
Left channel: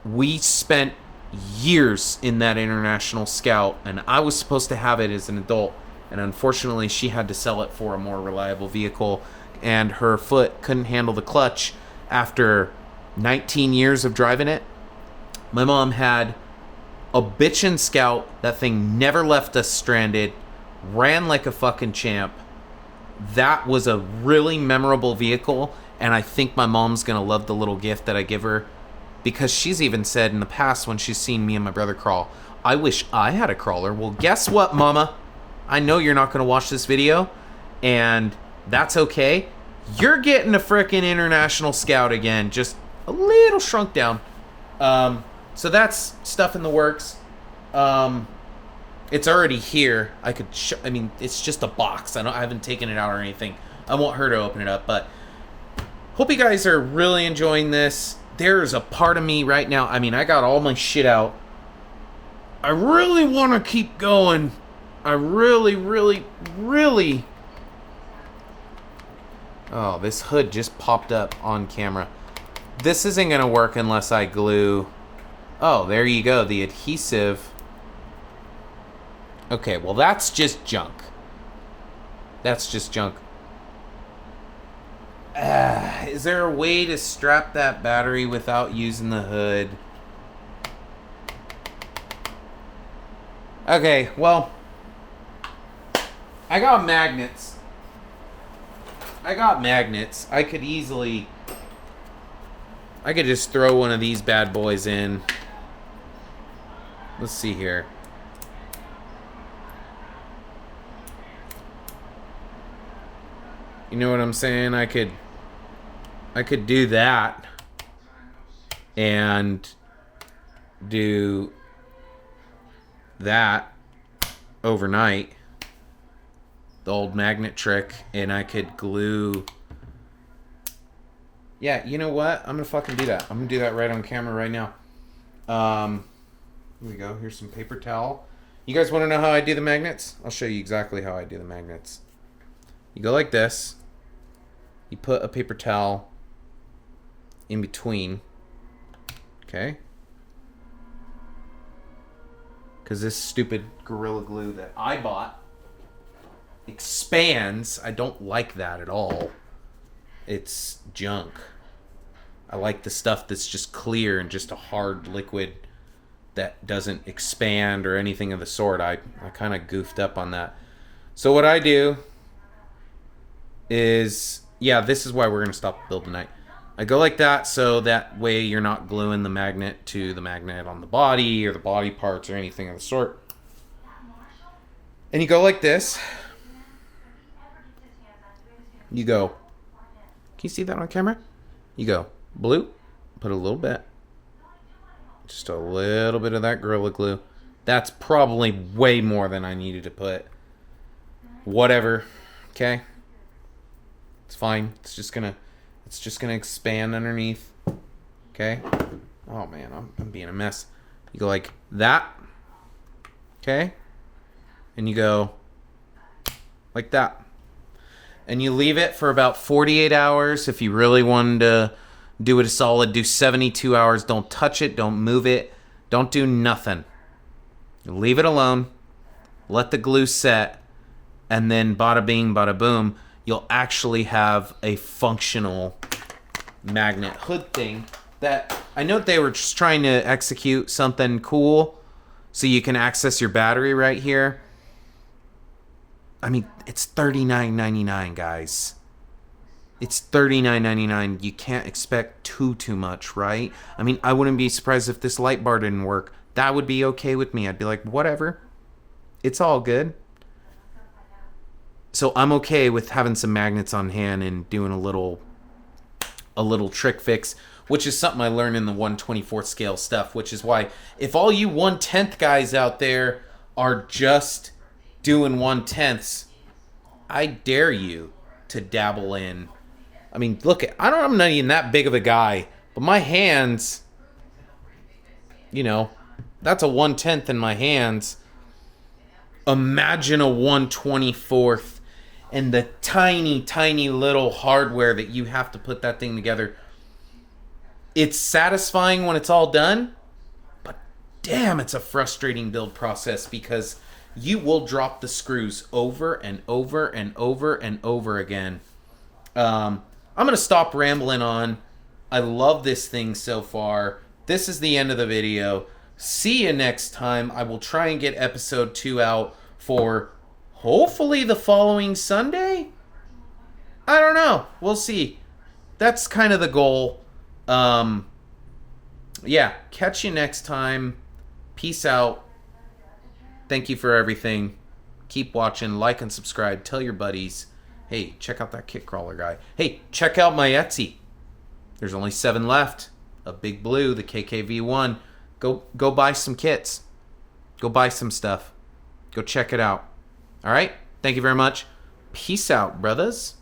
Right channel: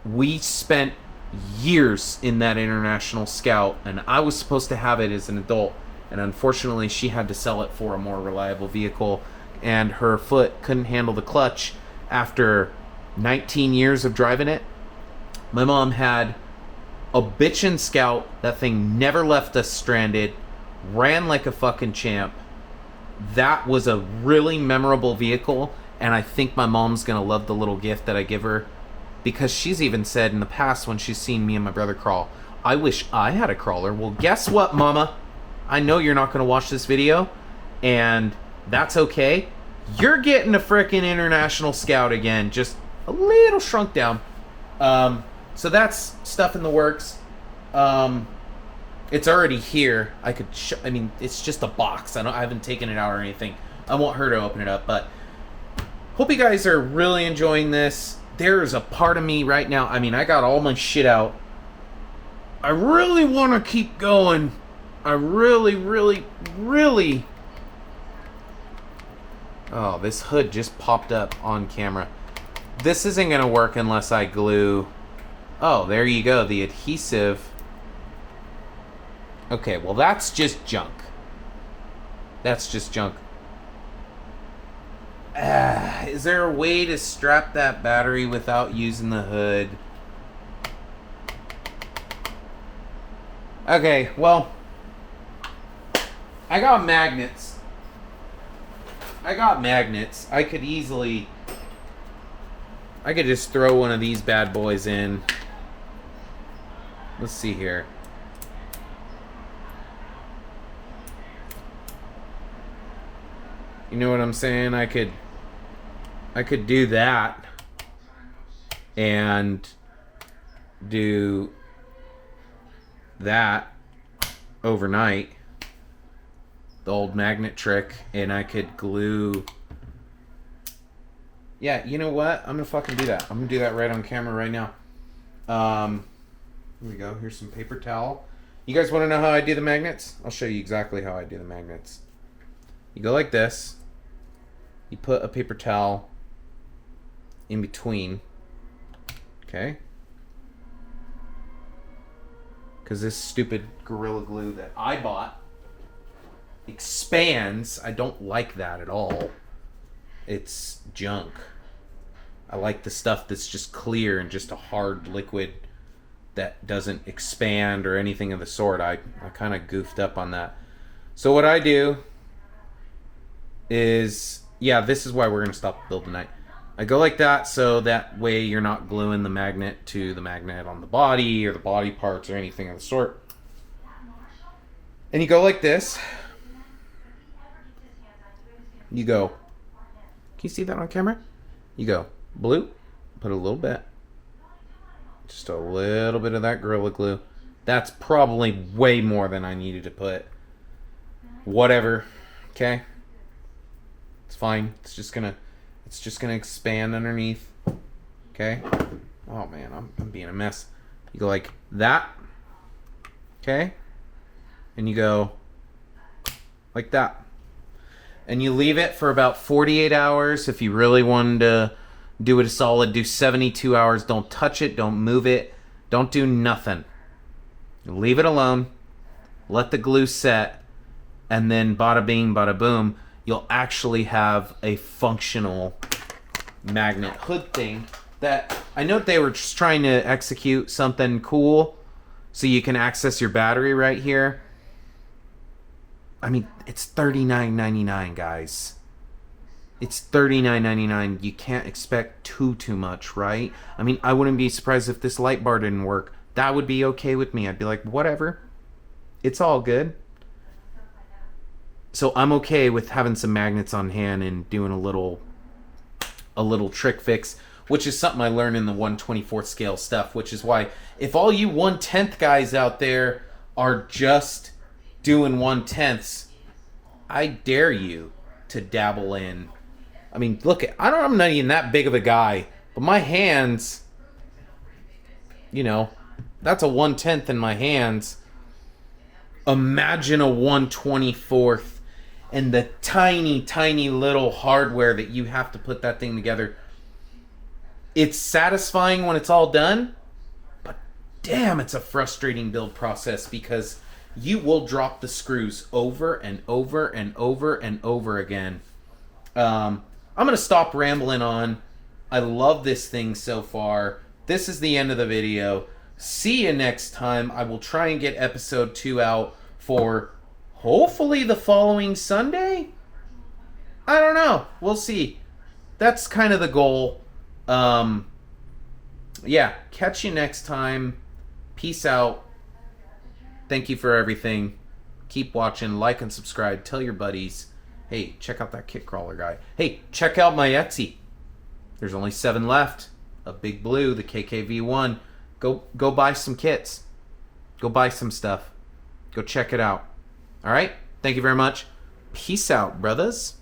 We spent years in that International Scout, and I was supposed to have it as an adult, and unfortunately she had to sell it for a more reliable vehicle, and her foot couldn't handle the clutch after 19 years of driving it. My mom had a bitchin' Scout. That thing never left us stranded, ran like a fucking champ. That was a really memorable vehicle, and I think my mom's gonna love the little gift that I give her, because she's even said in the past when she's seen me and my brother crawl, I wish I had a crawler. Well, guess what, Mama? I know you're not gonna watch this video, and that's okay. You're getting a frickin' International Scout again, just a little shrunk down. So that's stuff in the works. It's already here. I mean, it's just a box. I haven't taken it out or anything. I want her to open it up, but hope you guys are really enjoying this. There's a part of me right now. I mean, I got all my shit out. I really want to keep going. I really, really, really. Oh, this hood just popped up on camera. This isn't going to work unless I glue. Oh, there you go. The adhesive. Okay, well, that's just junk. That's just junk. Is there a way to strap that battery without using the hood? Okay, well, I got magnets. I could just throw one of these bad boys in. Let's see here. You know what I'm saying? I could do that and do that overnight, the old magnet trick, and I could glue. Yeah, you know what? I'm gonna fucking do that. I'm gonna do that right on camera right now. Here we go. Here's some paper towel. You guys want to know how I do the magnets? I'll show you exactly how I do the magnets. You go like this. You put a paper towel in between. Okay? Because this stupid Gorilla Glue that I bought expands. I don't like that at all. It's junk. I like the stuff that's just clear and just a hard liquid that doesn't expand or anything of the sort. I kind of goofed up on that. So what I do is, yeah, this is why we're going to stop the build tonight. I go like that, so that way you're not gluing the magnet to the magnet on the body or the body parts or anything of the sort. And you go like this. You go. Can you see that on camera? You go blue, put a little bit. Just a little bit of that Gorilla Glue. That's probably way more than I needed to put. Whatever. Okay? It's fine. It's just gonna expand underneath. Okay? Oh man, I'm being a mess. You go like that. Okay? And you go like that. And you leave it for about 48 hours. If you really wanted to do it a solid, do 72 hours. Don't touch it. Don't move it. Don't do nothing. Leave it alone. Let the glue set. And then bada bing, bada boom, you'll actually have a functional magnet hood thing that I know they were just trying to execute something cool so you can access your battery right here. I mean, it's $39.99, guys. It's $39.99. You can't expect too much, right? I mean, I wouldn't be surprised if this light bar didn't work. That would be okay with me. I'd be like, whatever. It's all good. So I'm okay with having some magnets on hand and doing a little trick fix. which is something I learned in the 1/24th scale stuff, which is why if all you 1/10 guys out there are just doing 1/10ths, I dare you to dabble in. I mean, look, I'm not even that big of a guy, but my hands, you know, that's a 1/10 in my hands. Imagine a 1/24th and the tiny, tiny little hardware that you have to put that thing together. It's satisfying when it's all done, but damn, it's a frustrating build process because you will drop the screws over and over and over and over again. I'm going to stop rambling on. I love this thing so far. This is the end of the video. See you next time. I will try and get episode 2 out for hopefully the following Sunday? I don't know. We'll see. That's kind of the goal. Yeah, catch you next time. Peace out. Thank you for everything. Keep watching, like and subscribe. Tell your buddies. Hey, check out that kit crawler guy. Hey, check out my Etsy. There's only 7 left. A big blue, the KKV1. Go buy some kits. Go buy some stuff. Go check it out. All right? Thank you very much. Peace out, brothers.